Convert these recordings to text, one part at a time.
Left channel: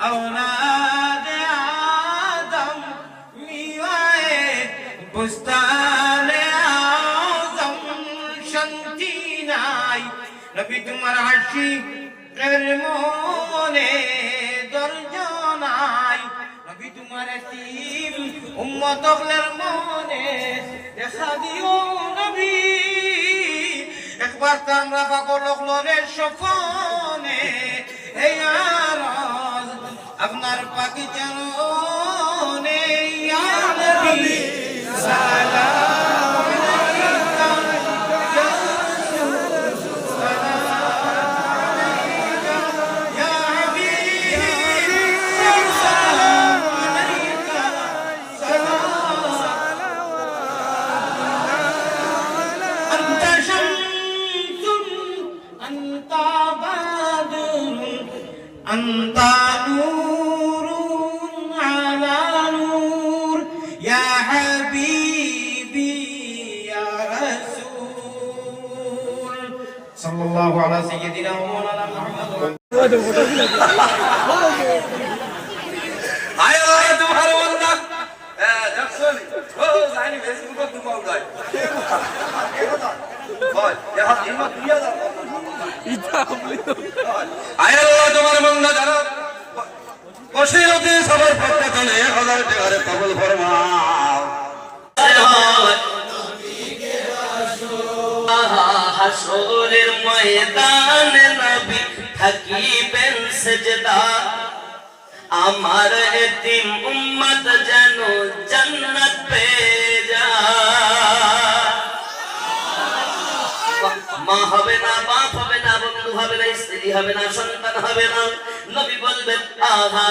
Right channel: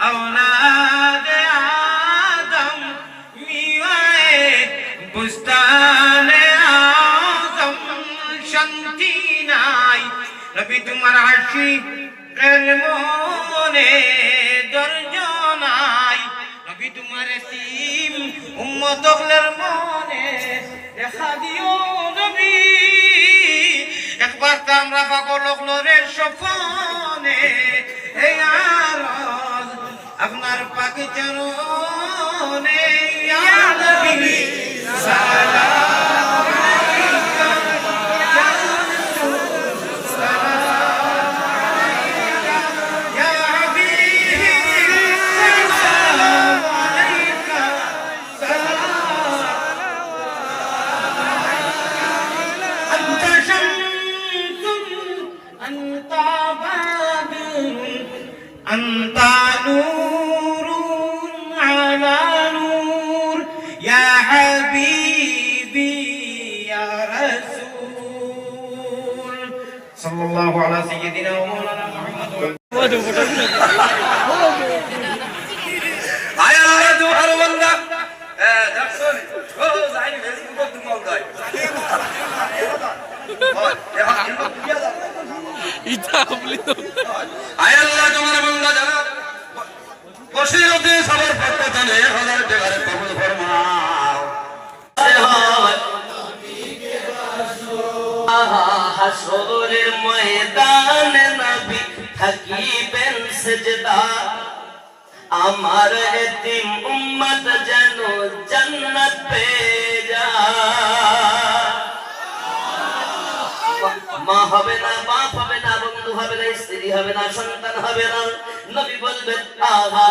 اولاد آدم میوه بستان آدم شنتی نای ربی تمہار عشی قلمونے درجان آئی ربی تمہار سیم امت اغلر مونے رخا دیو نبی اخبار تام رفا کو لغلو ریشفانے اے آئی পাক চরণে ইয়া নবী, সালাম আলাইকা ইয়া রাসূল সালাম আলাইকা ইয়া হাবিবি সালাম আলাইকা সালাম আলাইকা আনতা শামসুন আনতা বাদুন আনতা থাকিবেন সেজদা। আমার এতিম উম্মত যেন জান্নাত পেয়ে যায়। মা হবে না, বাপ হবে না, বন্ধু হবে না, স্ত্রী হবে না, সন্তান হবে না। নবী বলবেন আহা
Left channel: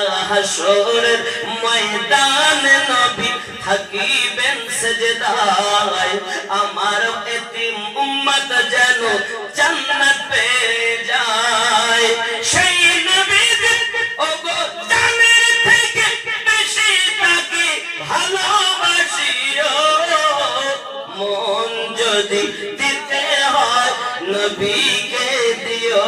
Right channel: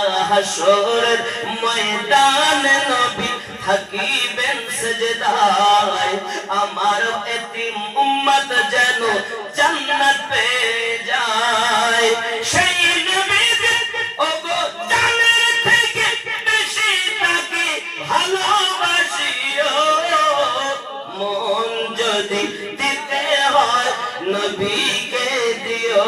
ময়দানে নবী থাকিবেন সেজদায়। আমার এতিম উম্মত যেন জান্নাত পেয়ে যায়। সেই ওগো জানের থেকে বেশি তাকে ভালোবাসিও। মন যদি দিতে হয়, নবীকে দিও।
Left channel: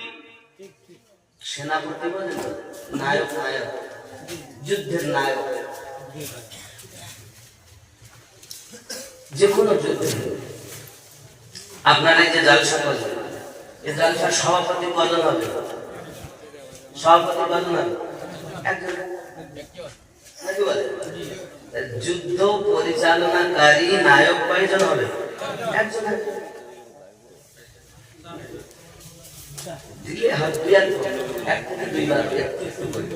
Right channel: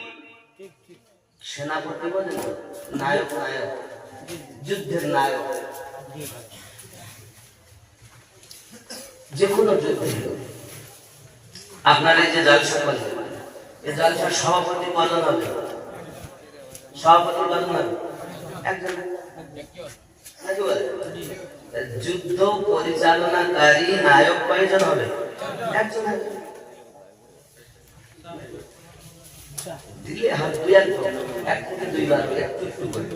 সেনাপতি বলেন নায়ক নায়ক যুদ্ধের নায়ক। যে কোনো যুদ্ধে আপনার যে জলসা করলেন, এই জলসার সভাপতি কজন হবে। সভাপতি কজন হবে। যুদ্ধ পরিচালনাকারী নায়ক কয়জন হবে। একজন হবে। দিলে হাত দিয়ে এক থেকে দুইবার একটু একটু করে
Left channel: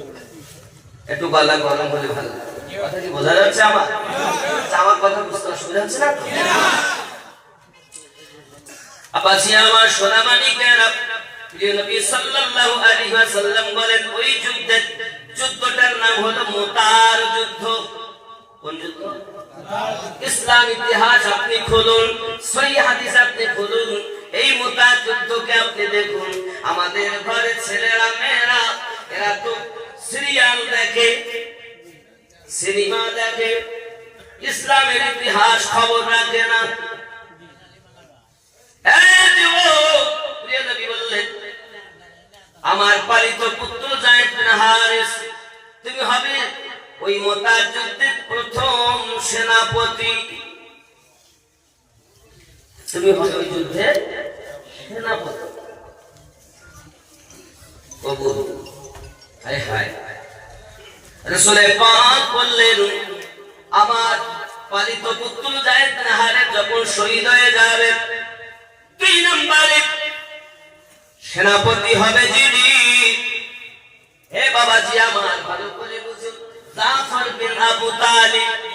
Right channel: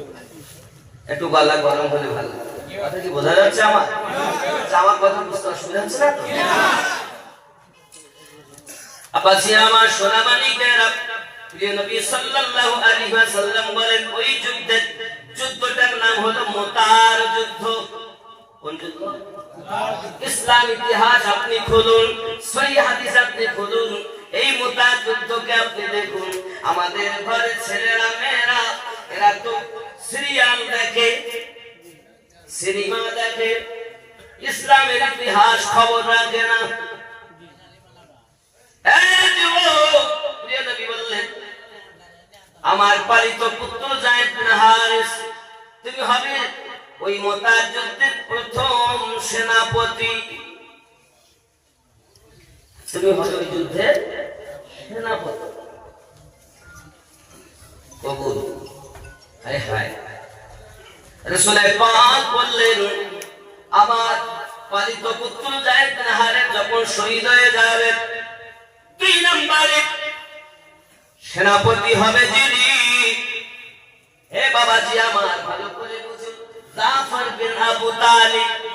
একটু গলা গরম হলে ভালো কথা কি বোঝা যাচ্ছে আমার আচ্ছা, আমার কথা বুঝতে অসুবিধা হচ্ছে না তো? আপাসি আমার সোনামানিকেরা প্রিয় নবী সাল্লাল্লাহু আলাইহি ওয়াসাল্লাম বলেন ওই যুদ্ধের যুদ্ধটার নাম হলো মোতার যুদ্ধ কোন যুদ্ধ ইসলাম ইতিহাস আপনি খুলুন সহি হাদিস আপনি খুলুন এই মোতার যুদ্ধকে আপনি দেখুন। আমাদের ঘরে ছেলেরা, মেয়েরা, এরা তো সিরিয়াল দেখে, সিনেমা দেখে, ইসলামের ইতিহাস খবর রাখে না। আমার পালিত পুত্র তুমি হবে ওই মোতার যুদ্ধের প্রথম সেনাপতি। তুমি হবে যুদ্ধের সেনাপতি। আমার পালিত পুত্র যখন শহীদ হয়ে দুই নম্বরে, সেনাপতি হবে যিনি। হে বাবাজি আমার, ভালো করে বুঝুন। জাফর বিন আবু তালিব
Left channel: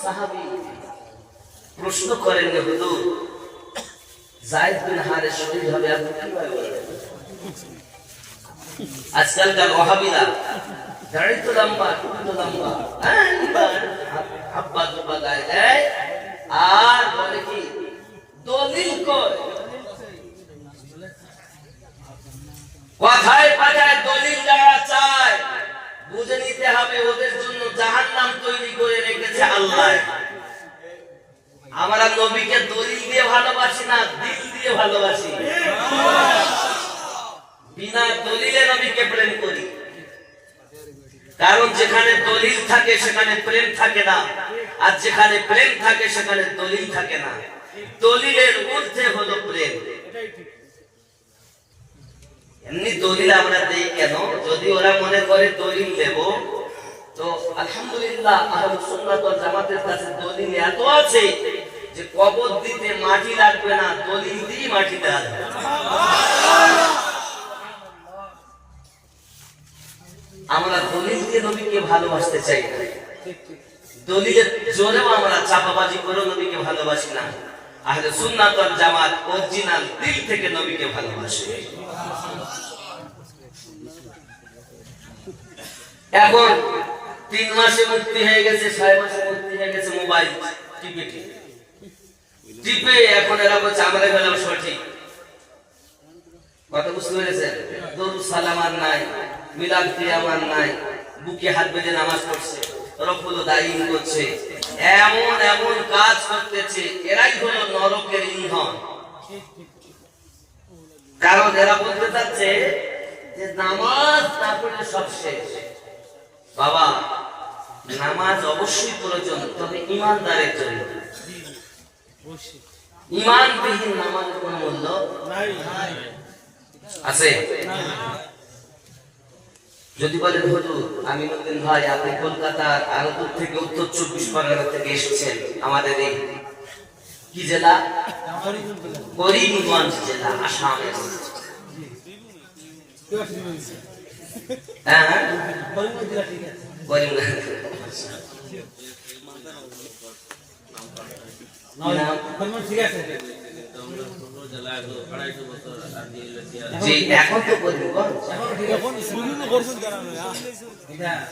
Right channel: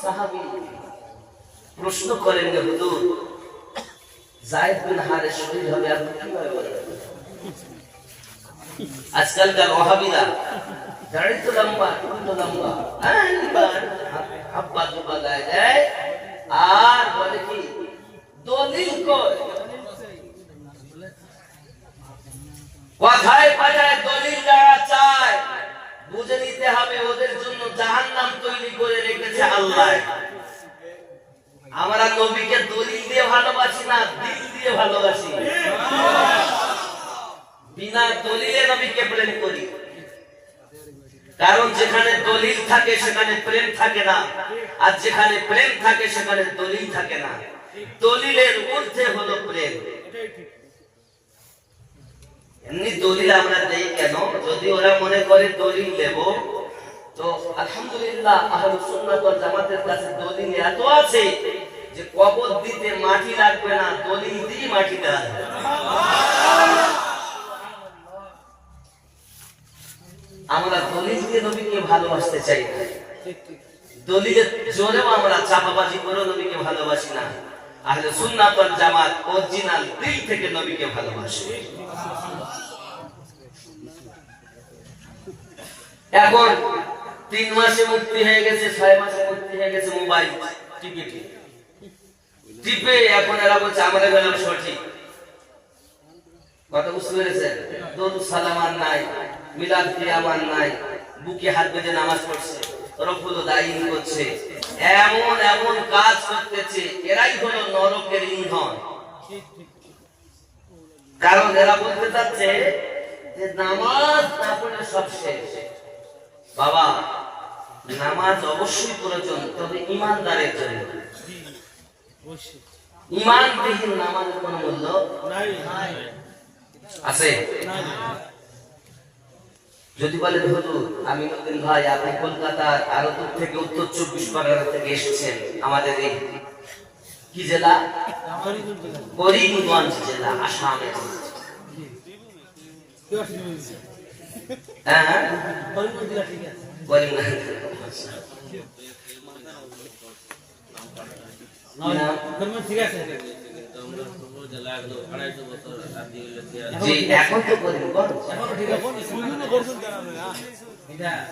সাহাবী প্রশ্ন করেন যে হুজুর জায়েদ বিন হারে শহীদ হবে আপনি কীভাবে আজকালকার ওহাবিরা দাড়ি তো লম্বা টুপি তো লম্বা। হ্যাঁ, আব্বা জুব্বা গায়ে দেয় আর বলে কি দলিল কর কথায় কথায় দলিল যারা চায় বুঝে নিতে হবে, ওদের জন্য জাহান্নাম তৈরি করে রেখেছে আল্লাহ। আমরা নবীকে দলিল দিয়ে ভালোবাসি না, দিল দিয়ে ভালোবাসি। বিনা দলিলে নবীকে প্রেম করি। কারণ যেখানে দলিল থাকে, সেখানে প্রেম থাকে না। আর যেখানে প্রেম থাকে, সেখানে দলিল থাকে না। দলিলের মধ্যে হলো প্রেম। এমনি দলিল আমরা দেই কেন? যদি ওরা মনে করে দলিল তো আলহামদুলিল্লাহ জামাতের কাছে দলিল এত আছে যে কবর দিতে মাটি লাগবে না, দলিল দিয়ে মাটি আমরা দলিল দিয়ে নবীকে ভালোবাসতে চাই না। দলিলের জোরেও আমরা চাপাবাজি করে নবীকে ভালোবাসি না। আহলে সুন্নাত ওয়াল জামাত অরিজিনাল দিল থেকে নবীকে ভালোবাসে। এখন তিন মাসে মুক্তি হয়ে গেছে, ছয় মাসে মুক্তি হয়ে গেছে মোবাইল টিপে টিপে। এখন এরা বলছে, আমরা গেলাম সঠিক। কথা বুঝতে পেরেছেন? দরুদ সালাম নাই, মিলাদ কিয়াম নাই, বুকে হাত বেঁধে নামাজ পড়ছে রফুল দায়ী করছে। এমন এমন কাজ করতেছে এরাই হলো নরকের ইন্ধন। কারণ এরা বলতে চাচ্ছে যে নামাজ না পড়লে সব শেষ। বাবা নামাজ অবশ্যই প্রয়োজন তবে ইমানদারের জন্য। ইমানবিহীন নামাজের কোনো মূল্য আছে? যদি বলেন হুজুর আমি নতুন ভাই, আপনি কলকাতার আরও দূর থেকে উত্তর চব্বিশ পরগনা থেকে এসেছেন, আমাদের এই কি জেলা? করিমগঞ্জ জেলা, আসামের হ্যাঁ হ্যাঁ।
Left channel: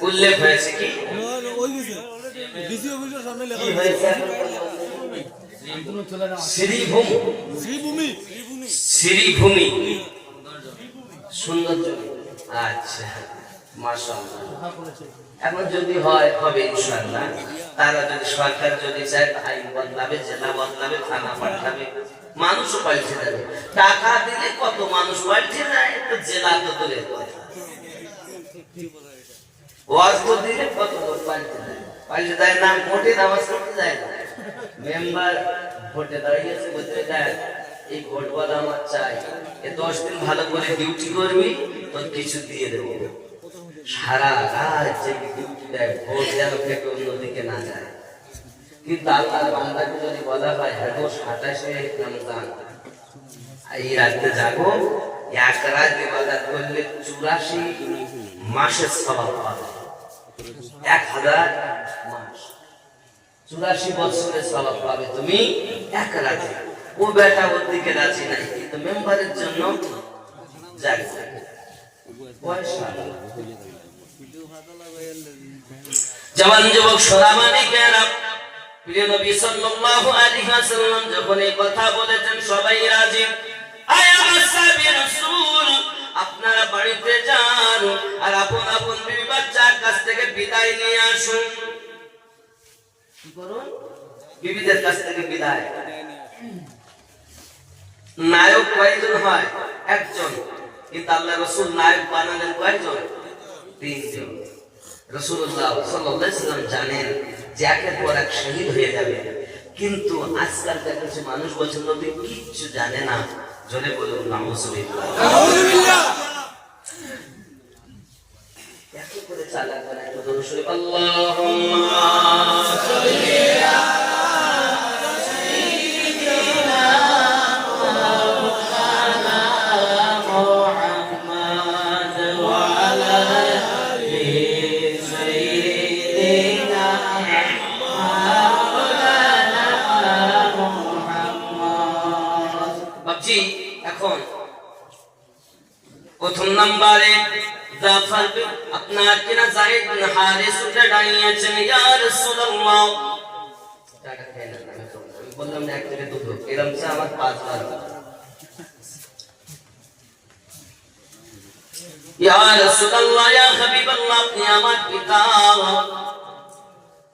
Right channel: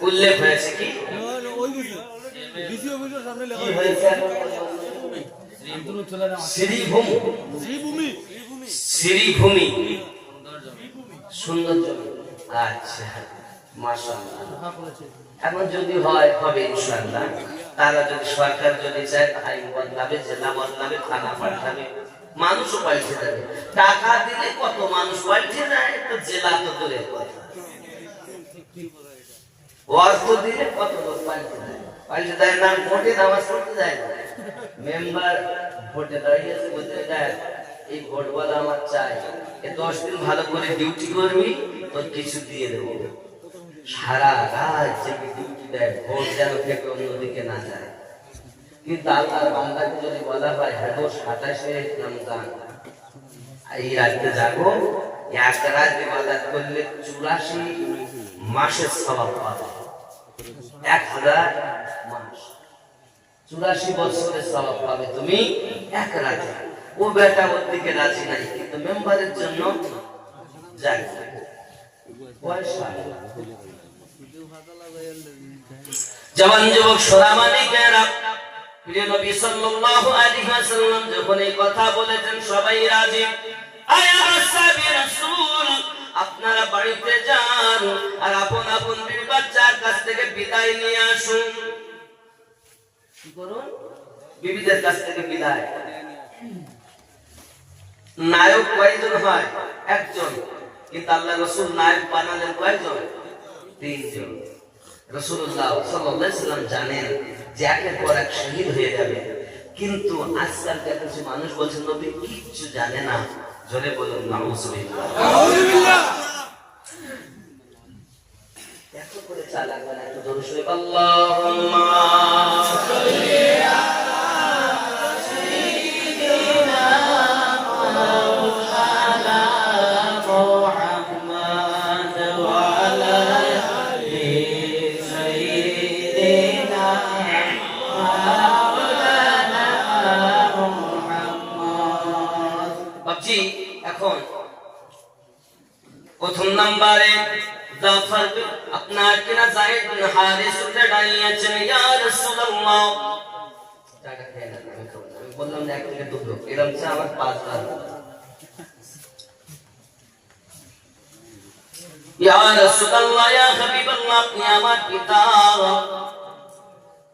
উল্লেখ হয়েছে কি? শ্রীভূমি। শ্রীভূমি। সুন্দর আচ্ছা। এখন যদি হয়, হবে ইনশাআল্লাহ। তারা যদি সরকার যদি চায় আইন বদলাবে জেলা বদলাবে থানা পাল্টাবে মানুষও পাল্টে যাবে টাকা দিলে কত মানুষ পাল্টে যায় তো জেলা তো কথা। অর্থ দিলে কত লোক পাল্টে যায় পাল্টে দেয় না, ভোটে নামাজ পড়তে যায় না। মেম্বার ভোটে দাঁড়িয়েছে বলতে দেয় এই ভোট বলা আমার চাই। এ দশ দিন ভালো করে ডিউটি করবি, তোর কিছু দিয়ে দেবো। সারা রাত ডিউটি দেয় ভোট যেন থেকে অন্যদিকে না যায়। কিন্তু আল্লাহ বান্দাকে যদি বলা হয় হ্যাঁ সাতাশে রমজান। এই রাত্রে যাব, এক রাত ইবাদত করলে চুরাশি মাসের স্বভাব পাবে। এক হাজার মাস। চুরাশি বছরের স্বভাব পাবে তুমি এক রাতে। ও বেটা ওর দিকে রাজি নাই, কিন্তু মেম্বারের জন্য যাই। জওয়ান যুবক সোনামানিকেরা প্রিয় নবী সাল্লাল্লাহু আলাইহি ওয়াসাল্লাম যখন এই কথা বলেছেন, সবাই রাজি? আয় আমার রাসূল, আপনারা বাড়িতে যান আর আপন আপন বিবি বাচ্চার কাছ থেকে বিদায় নিয়ে আসুন। কি করুন? বিবিদের কাছ থেকে বিদায়। নায়ক কয়জন হয়? একজন। কিন্তু আল্লাহ রসুল নায়ক বানালেন কয়জন? তিনজন। রসুল্লাহ সাল্লাম জানেন যে একের পর এক শহীদ হয়ে যাবে। কিন্তু আজকালকার কিছু মানুষ বলছেন নবী কিছু জানে না। জলে বলুন করে চালাক বানায় তো দরুদ শরীফ আল্লাহুম্মা সাল্লি এখন। প্রথম নম্বরে জাফর আপনার কিনা জাহিদ বিন আমার পাঁচ বার ইয়া রাসূলুল্লাহ আপনি আমার পিতা।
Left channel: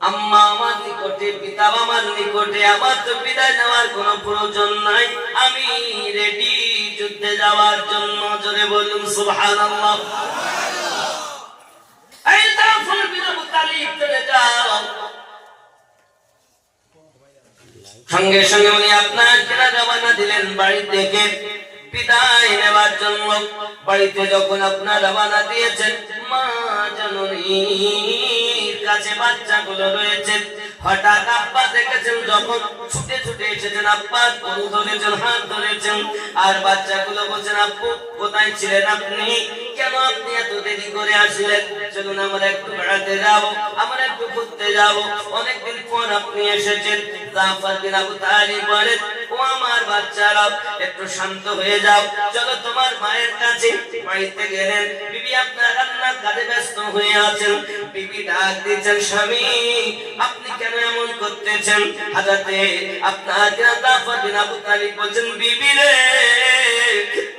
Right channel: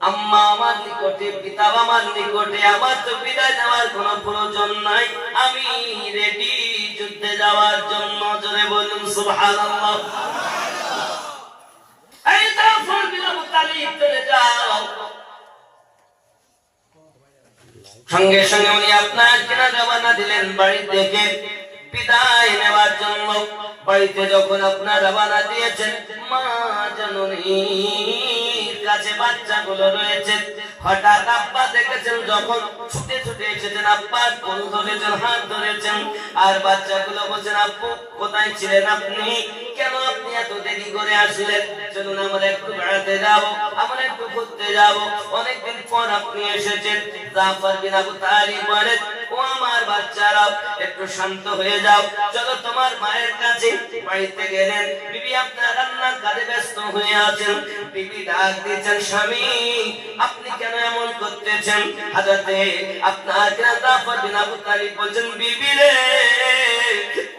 আম্মা আমার নিকটে, পিতা আমার নিকটে, আমার তো বিদায় নেওয়ার প্রয়োজন নাই। আমি রেডি যুদ্ধে যাওয়ার জন্য বলুন সঙ্গে সঙ্গে উনি আপনার কেনা রওনা দিলেন বাড়ি থেকে বিদায় নেওয়ার জন্য বাড়িতে যখন আপনার রওনা দিয়েছেন, মা জননীর কাছে বাচ্চাগুলো রয়েছে। হঠাৎ আব্বা দেখেছেন, যখন ছুটে ছুটে এসেছেন, আব্বা কোন ধরেছেন, হাত ধরেছেন, আর বাচ্চাগুলো বলছেন, আব্বু, কোথায় ছিলেন আপনি? কেন আপনি এত দেরি করে আসলেন? চলুন, আমরা একটু বেড়াতে যাব, আমরা একটু ঘুরতে যাব। অনেকদিন পর আপনি এসেছেন, জাফর বিন আবু তালিব বলেন, ও আমার একটু শান্ত হয়ে যাও। চলো, তোমার মায়ের কাছে বাড়িতে গেলেন। বিবি আপনার রান্নার কাজে ব্যস্ত হয়ে আছেন। বিবি ডাক দিয়েছেন স্বামী? আপনি কেন এমন করতেছেন? হাজাতে আপনার আবু তালিব বলছেন, বিবি রে,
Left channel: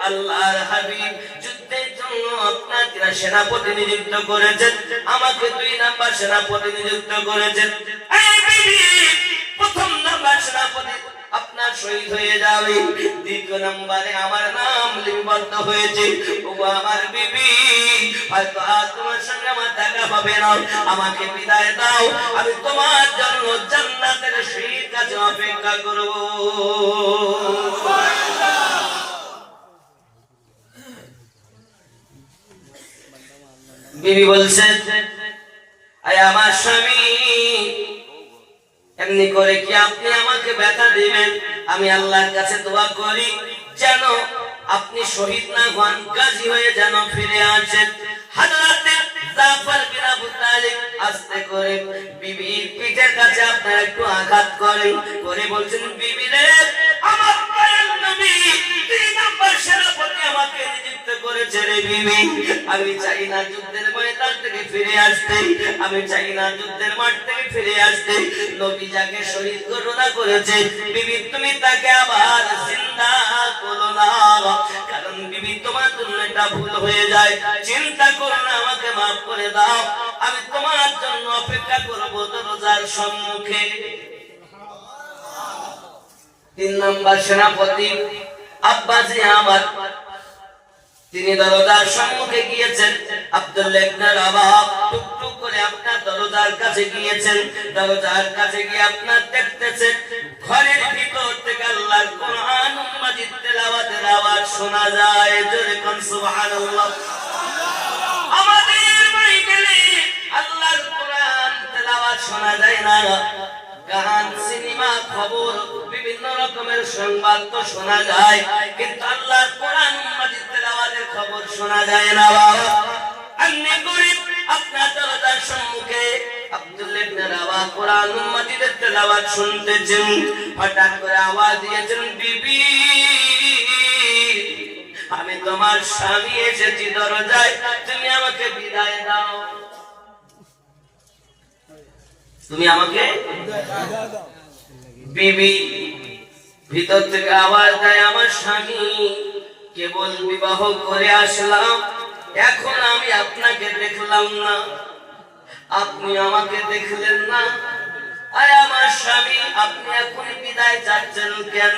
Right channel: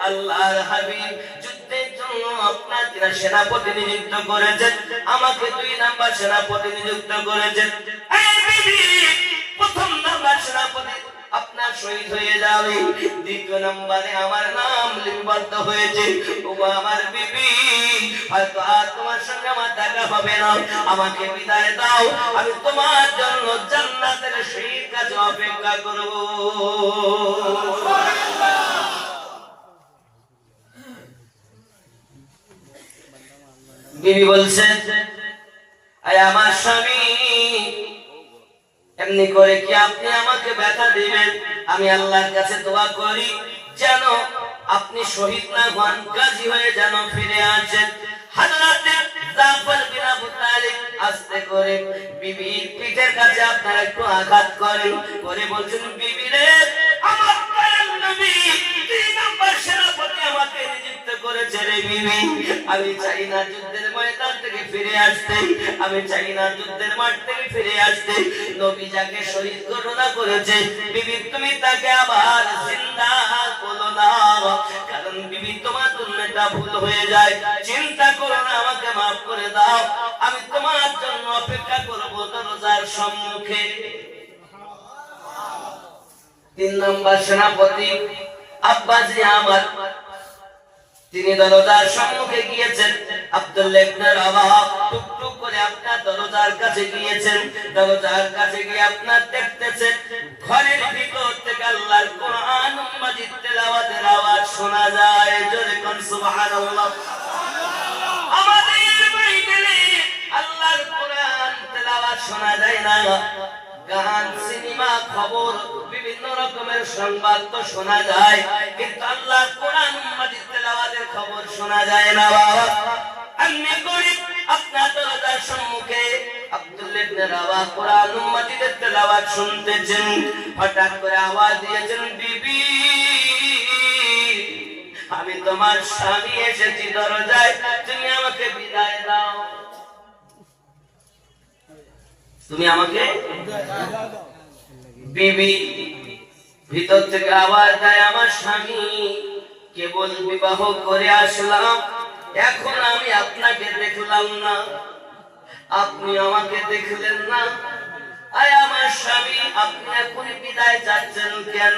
আল্লাহর হাবিব আমাকে দুই নাম্বার করেছেন। প্রথম নাম্বার সেনাপতি, আপনার দ্বিতীয় নম্বরে আমার নাম লিপিবদ্ধ হয়েছে। ও আমার বিবি হয়তো আর তোমার সঙ্গে আমার দেখা হবে না। আমাকে বিদায় দাও, আমি তোমার জন্য জান্নাতের সেই কাছে অপেক্ষা করব। বিবি বলছেন আমার স্বামী, এমনি করে কি আপনি আমাকে ব্যথা দিবেন? আমি আল্লাহর কাছে দোয়া করি, যেন আপনি শহীদ না হন গাজী হয়ে যেন ফিরে আসেন। জাফর বিন আবু তালিব আস্তে করে বিবির পিঠের কাছে আপনারা একটু আঘাত করেন। করে বলছেন, বিবি আমার দয়াল নবী, তিন নম্বর সেনাপতি আমাকে নিযুক্ত করেছে রে বিবি। আমি চাই না যুদ্ধের ময়দান থেকে ফিরে আসতে আমি চাই না যুদ্ধের মাঠ থেকে ফিরে আসতে নবী যাকে শহীদ ঘটনা করেছে, বিবি তুমি তাকে আবার জিন্দা করো না। কারণ বিবি, তোমার এটা ভুল হয়ে যায়। চিন্তা করো না, আমাকে মাফ করে দাও। আমি তোমার জন্য অপেক্ষা করব দরজার সম্মুখে। তিন নম্বর সেনাপতি আব্বাসী আমার তিনি দরজার সম্মুখে গিয়েছেন। আব্দুল্লাহ ইবনে রাবাহ টুকটুক করে আপনার কাছে গিয়েছেন। কাছে গিয়ে আপনার দেখতেছেন, ঘরের ভিতর থেকে আল্লাহর কোরআন মাজিদ তেলাওয়াতের আওয়াজ শোনা যায়। জোরে কোন, সুবহানাল্লাহ। আমাদের বাড়িতে আল্লাহর কোরআন তেলাওয়াত শোনা যায় না। গান, সিনেমা, খবর, বিভিন্ন রকমের সংবাদ তো শোনা যায়। কিন্তু আল্লাহর কোরআন মাজিদ তেলাওয়াতের খবর শোনা যায় না, বাবা। আমি গরিব, আপনার দরজার সম্মুখে। আমি তোমার স্বামী এসেছি দরজায়, তুমি আমাকে বিদায় দাও। তুমি আমাকে বিবি ভিতর থেকে আওয়াজ দেয়, আমার স্বামী কেবল বিবাহ করে আসলাম। এখন আমি আপনাকে দেখলাম না। আপনি আমাকে দেখলেন না। আরে আমার স্বামী, আপনি এখন বিদায় যাচ্ছেন কেন?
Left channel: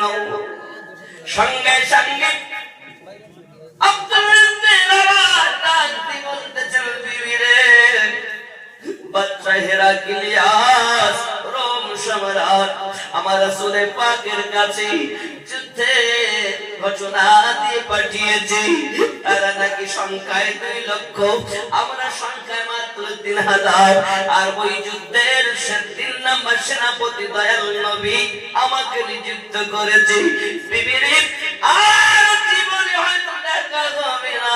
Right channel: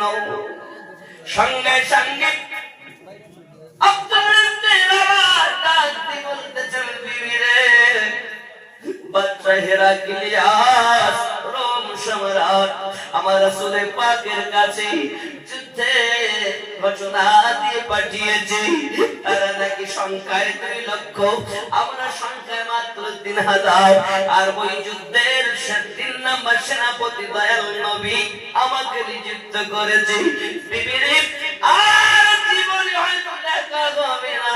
সঙ্গে সঙ্গে আমার রাসূলে পাকের কাছে যুদ্ধে ঘোষণা দিয়ে পাঠিয়েছে। তারা নাকি সংখ্যায় দুই লক্ষ। আমরা সংখ্যায় মাত্র তিন হাজার। আর ওই যুদ্ধের তিন নম্বর সেনাপতি দয়াল নবী আমাকে নিযুক্ত করেছে। আর জীবনে হয়তো দেখা হবে না।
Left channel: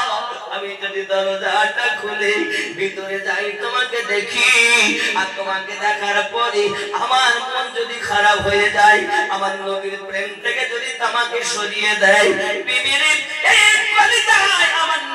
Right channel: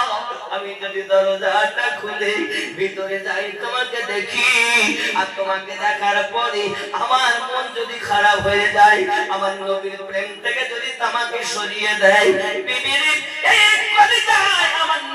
আমি যদি দরজাটা খুলে ভিতরে যাই, তোমাকে দেখি। আর তোমাকে দেখার পরে আমার মন যদি খারাপ হয়ে যায়, আমার নবীর প্রেম থেকে যদি তোমাকে সরিয়ে দেয়, বিবির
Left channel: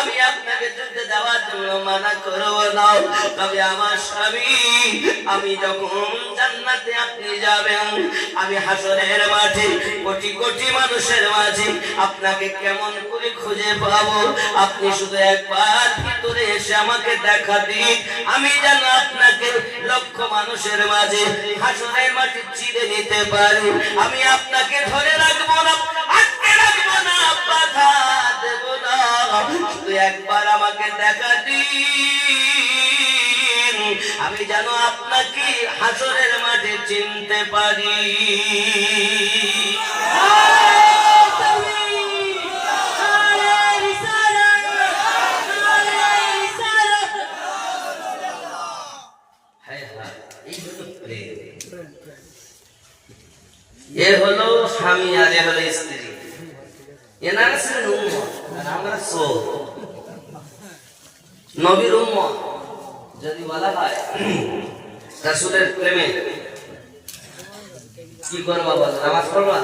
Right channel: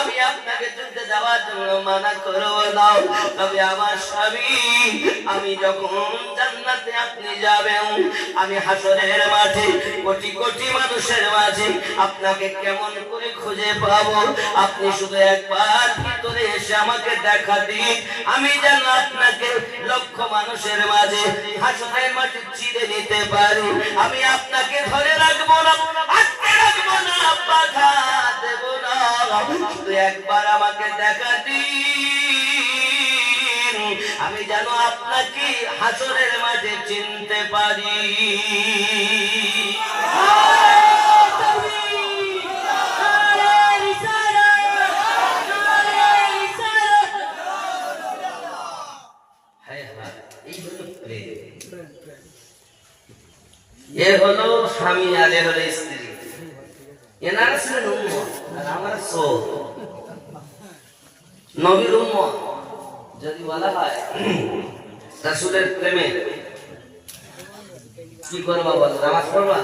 আমি আপনাকে যুদ্ধে যাওয়ার জন্য মানা করব না। তবে আমার স্বামী, আমি যখন জান্নাতে আপনি যাবেন, আমি হাসরের মাঝে কোটি কোটি মানুষের মাঝে আপনাকে কেমন করে খুঁজে পাবো? আপনি শুধু একবার ভিতরে এসে আমাকে দেখা দিন। আমি যেন আপনাকে লক্ষ মানুষের মাঝে হাসনের মাঝে চিড়ে নিতে পারি। আমি আপনাকে ধরে রাখব না। একবার আমাকে দেখা দিন আমি যেন আপনাকে হাসরের মাঝে চিনতে পারি। এ হলো স্বামী আর এ হলো স্ত্রী এনারা ছিলেন উম্মত আমরা সোল নবীর উম্মত যদি বলা হয় রাসূলের প্রেমে। কি করবা বল নামাজ পড়বা?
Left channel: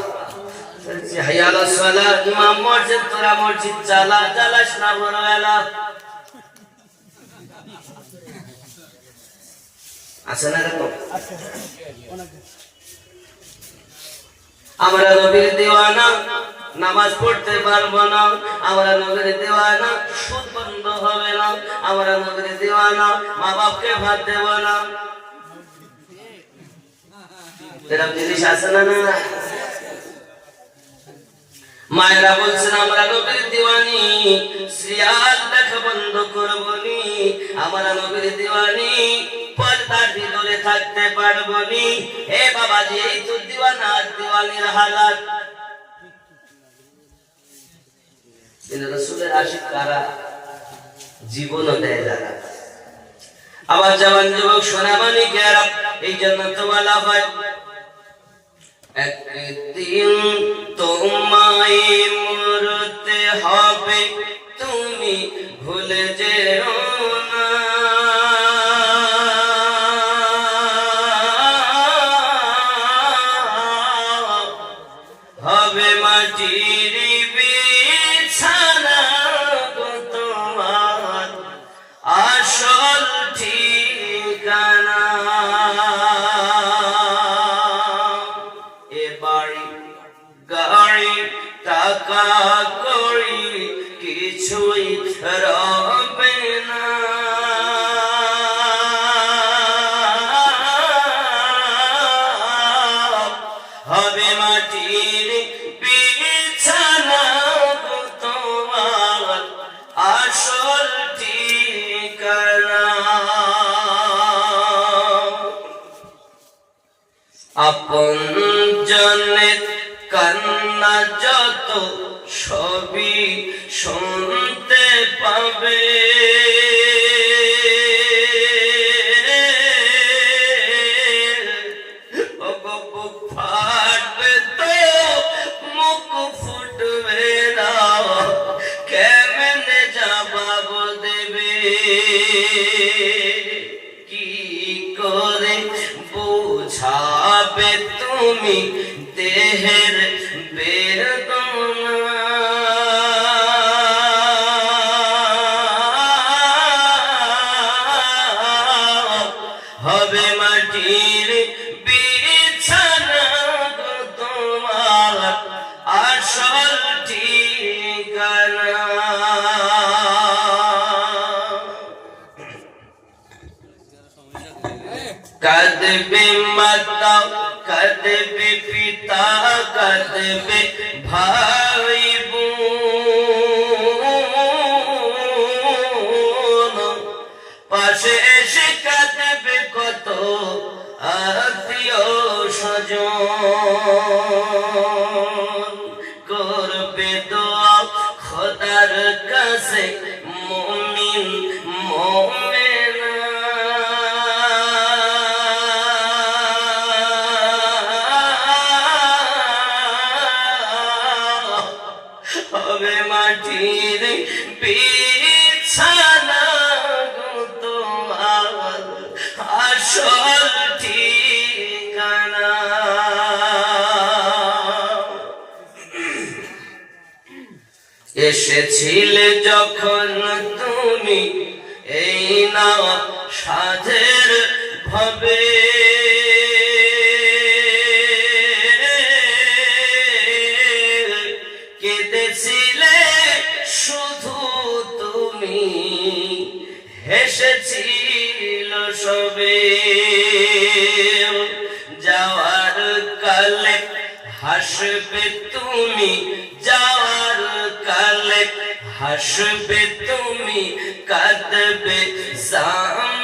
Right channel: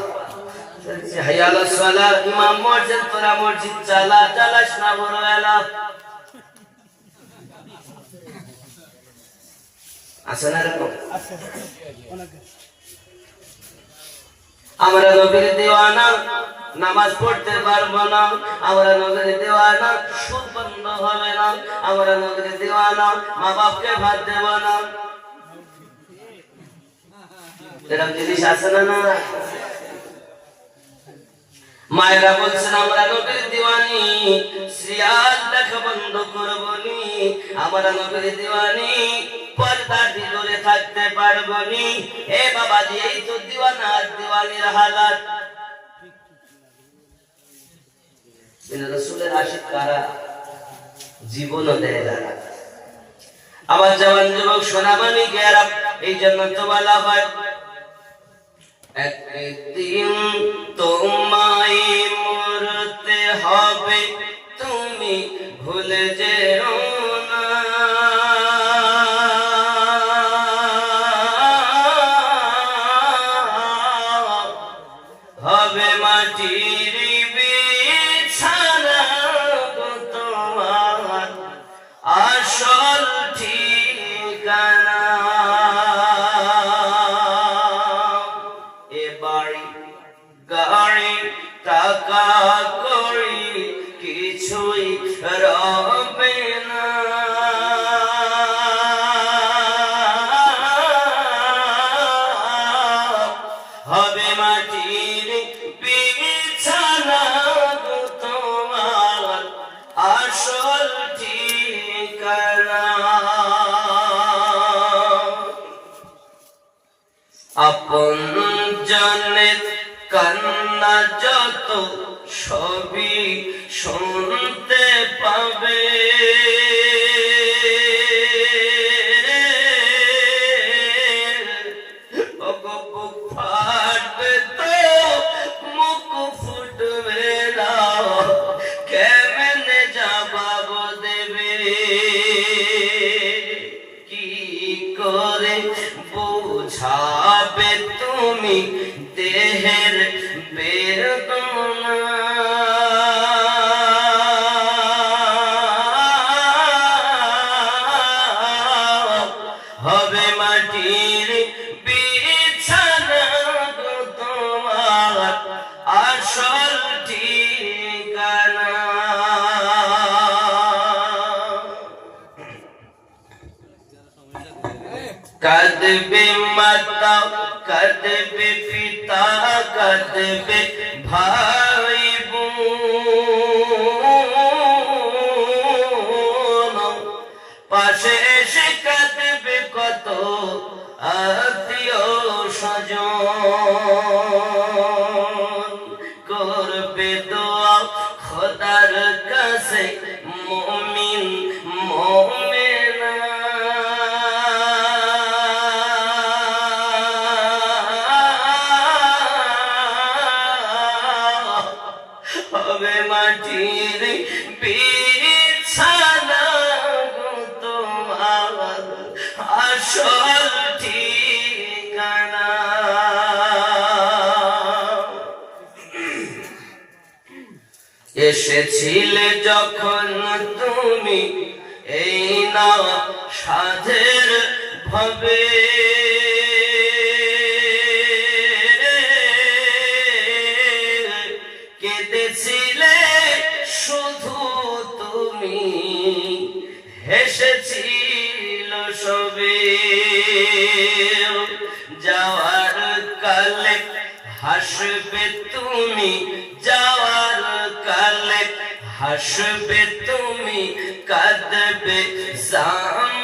বলছে, হাইয়া আলাস সালাহ, ইমাম মসজিদ তোরা মসজিদ চালা চালাস না ভোরবেলা আছে না এরকম? আমরা নবীর দেওয়ানা, নামাজ পড়তে পারব না। আমরা নবীর দেওয়ানা সুদ বন্ধ হবে না। আমরা নবীর দেওয়ানা মা বাপকে ভাত দেব না। এরকম জিনিস আছে না না? মায়েরা বলছেন, আমরা নবীর দিওয়ানি। সিরিয়াল দেখা বন্ধ করব নি। আমরা নবীর দিওয়ানি। পর্দার ভিতরে থাকতে পারব নি। এ বাবাজি, এই তো দিওয়ানা, দিওয়ানির হালাত। রসুলের আশিক কারা জীবনও দেয় যারা আবার যেমন যুবক সোনামানি গেরা এই জন্য তো বলা হয়। একদিন তোমায় মরতে হবে তুমি ভুলে যেও টাকা করি কিছুই রবে না। হবে মাটির বিছানা তোমার আসল ঠিকানা। আপন কান্না যত ছবি শুনতে পাবে। বোঝাবে তুমি দেহের বেদনা মাতা কাঁদবে পিতা কাঁদবে ভাই পাশে এসে কাঁদবে কত আত্মীয় স্বজন। করবে দোয়া খোদার কাছে মমিন, মোমেনা। মাটির বিছানা আসল ঠিকানা। এসেছিলে যখন তুমি এই না সাধের ভবে। হেসেছিল যাওয়ার কালে হাসবে তুমি যাওয়ার কালে হাসবে তুমি কাঁদবে জামানা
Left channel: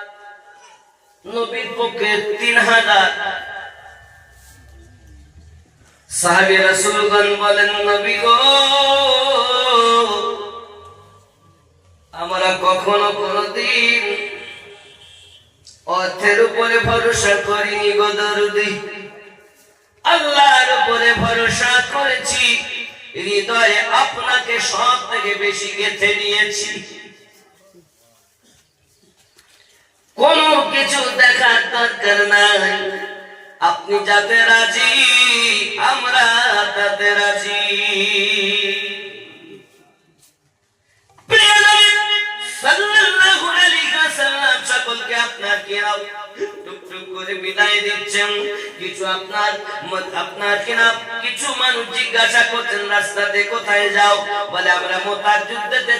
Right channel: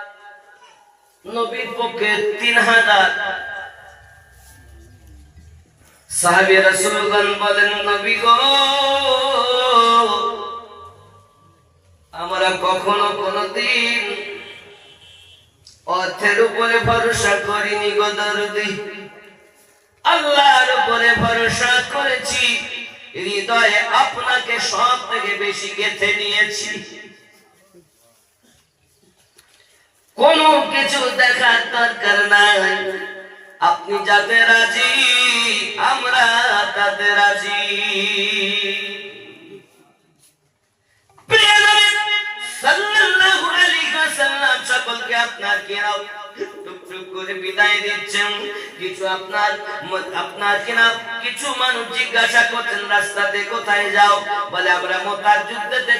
নবীর পক্ষে তিন হাজার। সাহাবি রাসূলগণ বলেন, নবী গো, আমরা কখনো কোনদিন অর্থের উপরে ভরসা করিনি আল্লাহর উপরে ভরসা করেছি। হৃদয়ে আপনাকে সব থেকে বেশি গেঁথে নিয়েছি। কোনো কিছু দেখার দরকার নাই আপনি যাতে রাজি আমরা তাতে রাজি। সকলকে আপনার টুকটুক করে বিদায় দিচ্ছেন কিছু আপনার আপনার কিনা কিছু মানুষ জিজ্ঞাসা করছেন, রাস্তাতে কোথায় যাও? বলে, আমরা মোতার যুদ্ধতে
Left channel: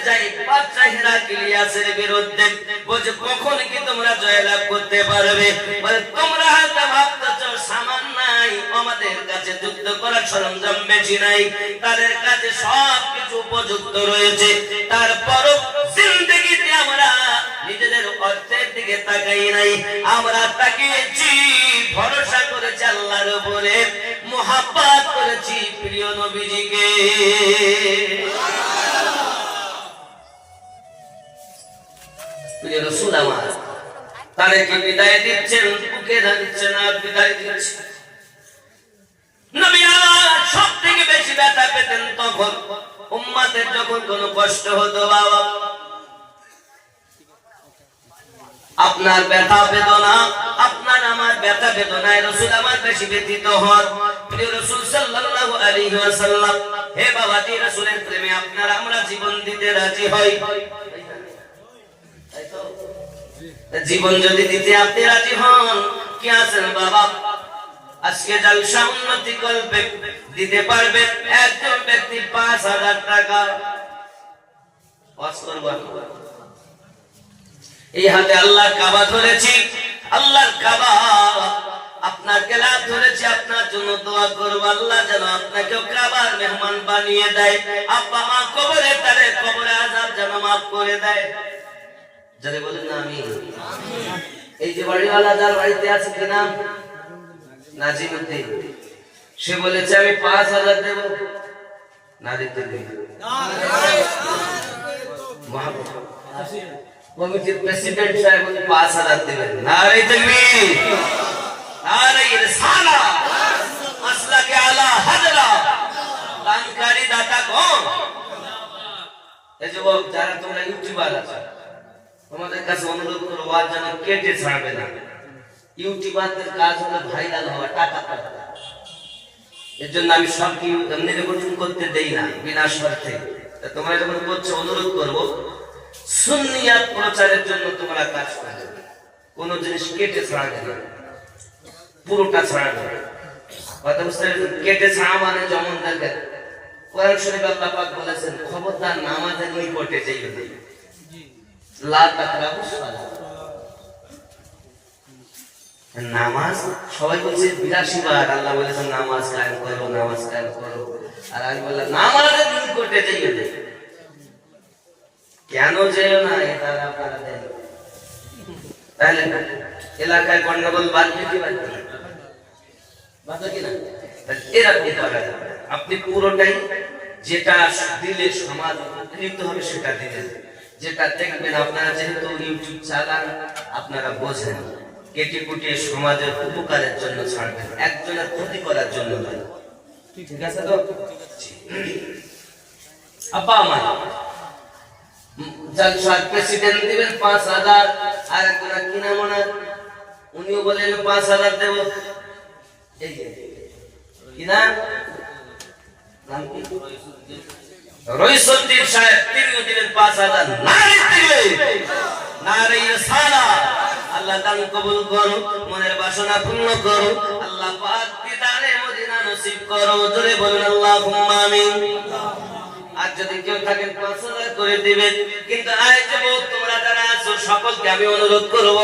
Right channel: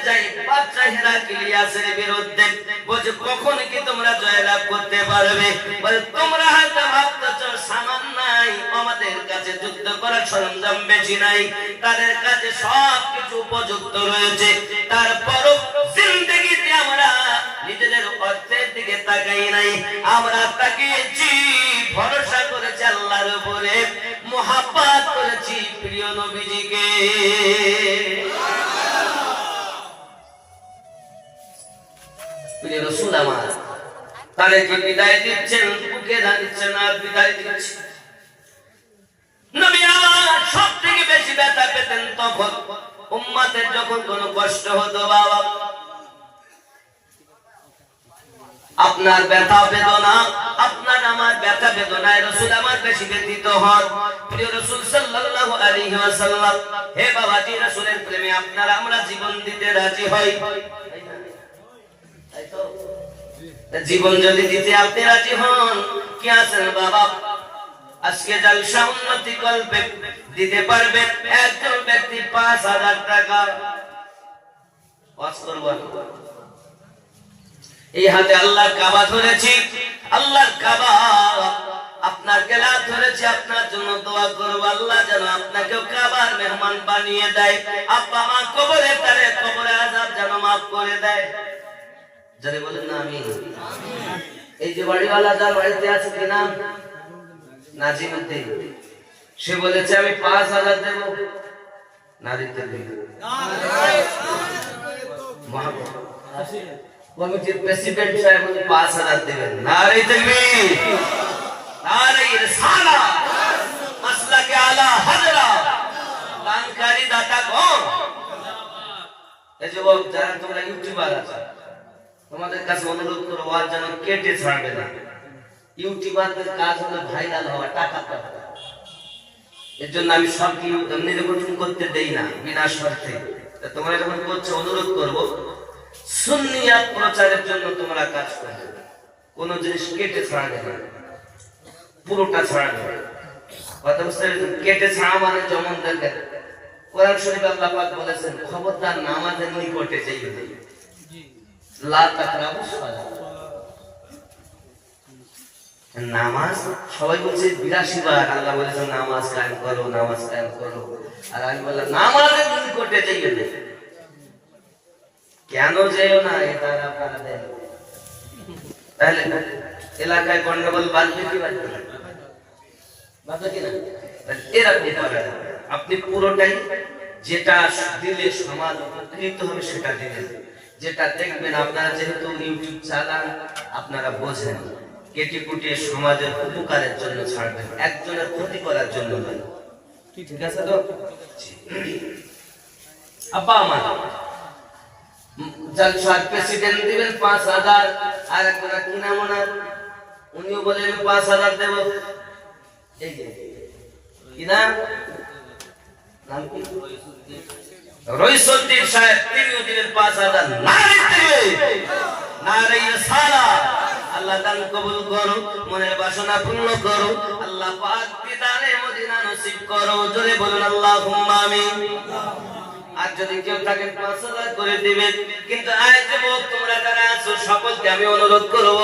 বিরুদ্ধে। বলছে, কখন কি তোমরা জয়লাভ করতে পারবে? বলে, তোমরা সামান নাই, আমাদের কাছে যুদ্ধ করার সরঞ্জাম বেশি নাই। তাদের কাছে সব কিছু উপযুক্ত রয়েছে। তারপরও জিন্দগিতে আমরা নিজেদের অর্থের দিকে তাকাই নাই। আমরা তাকিয়েছি ভরসা করেছি আল্লাহর উপরে, মোহাব্বত করেছি প্রিয় নবীজিকে। আমার তাদেরকে বিদায় দিচ্ছেন, বুকে দিচ্ছেন, আর বিদায় দিচ্ছেন? যখন কোনো কষ্ট হতো, বাবা আপনার ব্যথা বেদনা, আপনার আমার ব্যথা বেদনায় রসুল আমার বেশি ব্যতীত হন। প্রিয় রসুল সাল্লাল্লাহু হে বাবাজি, রসুলের প্রেমে আপনার আমরা জীবন দিতে রাজি হই। জীবন যদি দিতে আপনি রাজি হন, কি আছেন বাবা? আজকে জলসা উন্নতি করবে দিতে পারবে একজন ব্যক্তি পাঁচ হাজার টাকা। এই হাতে আল্লাহ কাবা ধরেছি। আল্লাহর কাবা আপনার গেলা ধরেছি, আপনার জন্য দোয়া করব। আল্লাহ যেন আপনাকে কাবার মেহমান বানিয়ে দেয়। আব্বা মা কবরে তারে কবরে আজাব যেন মাফ করে দেয়। যারা বলেন না আমি এই যে বাড়িওয়ালা যার বাড়িতে আছে, কি নাম? নাজিমুদ্দি সে বলেছে, আমি পাঁচ হাজার দেব। না দিতে দেব কমিটির প্রেসিডেন্ট সাহেব উনি পাঁচ হাজার দেবেন। নারে তকবীর নারে ইরসালা মাসলাকে আলা হাজরা। দানকারী দাতা কোন এই যারা তোমরা ইউটিউবার আছে, তোমাদের কাছে অনুরোধ করব, আর যেন কেটে ছাড়বে না। ইউটিউবারদের কাজ হলো ভাইরাল হওয়া, টাকা এর জন্য আমি সব এমনি করতে দেই না, বিনা স্বার্থে তা তোমরা যখন করছ, অনুরোধ করব প্রচারের জন্য তোমরা কাজ কোন জিনিস কেটে ছাড়াবে না। পুরোটা ছাড়া মানে যেমন দেখেন, কোরআন শরীফ আল্লাহ পাক বলেছেন, খবরদার নামাজের নিকটে যাইবে না। লা তাকরাবু নামাজ, সবাই বলছে আল্লাহ নামাজ করো, নামাজ কায়েম করো। আর আমি বললাম, নামাজের নিকটে না। কেন যেও না এটা আপনারা দেন। তাহলে এলাকায় গন্ডগোল বাড়বে কি বাড়বে করা আপনি পুরোটাই যেটা দিলে সমাজ উপকৃত হবে সেটা দিলেন। যেটা দেখবেন আপনারা যেহেতু ইউটিউব চালান, আপনারা বোঝেন কেটে কুটিয়ে সমাজের উপকারের জন্য ছাড়বেন, একজনের ক্ষতি করার জন্য নয়। ঠিক আছে তো? আব্বা আমার জলসার প্রেসিডেন্ট দিবেন পাঁচ হাজার। আর একজনা কি নাম ওনার উনিও বলেন পাঁচ হাজার দেব। এই যে, কি নাম? নাম কি? রইসুদ্দিন সাহেব তিনিও দিলেন পাঁচ হাজার। নারী দিবে। নারী সারা আল্লাহ দান কবুল করো মনের বাসনা পূর্ণ করো আল্লাহ করো। জোরে বলুন আল্লাহুম্মা আর যদি কেউ থাকেন পাঁচ হাজার করে দিবেন কিন্তু যে তোমরা যারা আছো, সকলকে আমি অনুরোধ করব।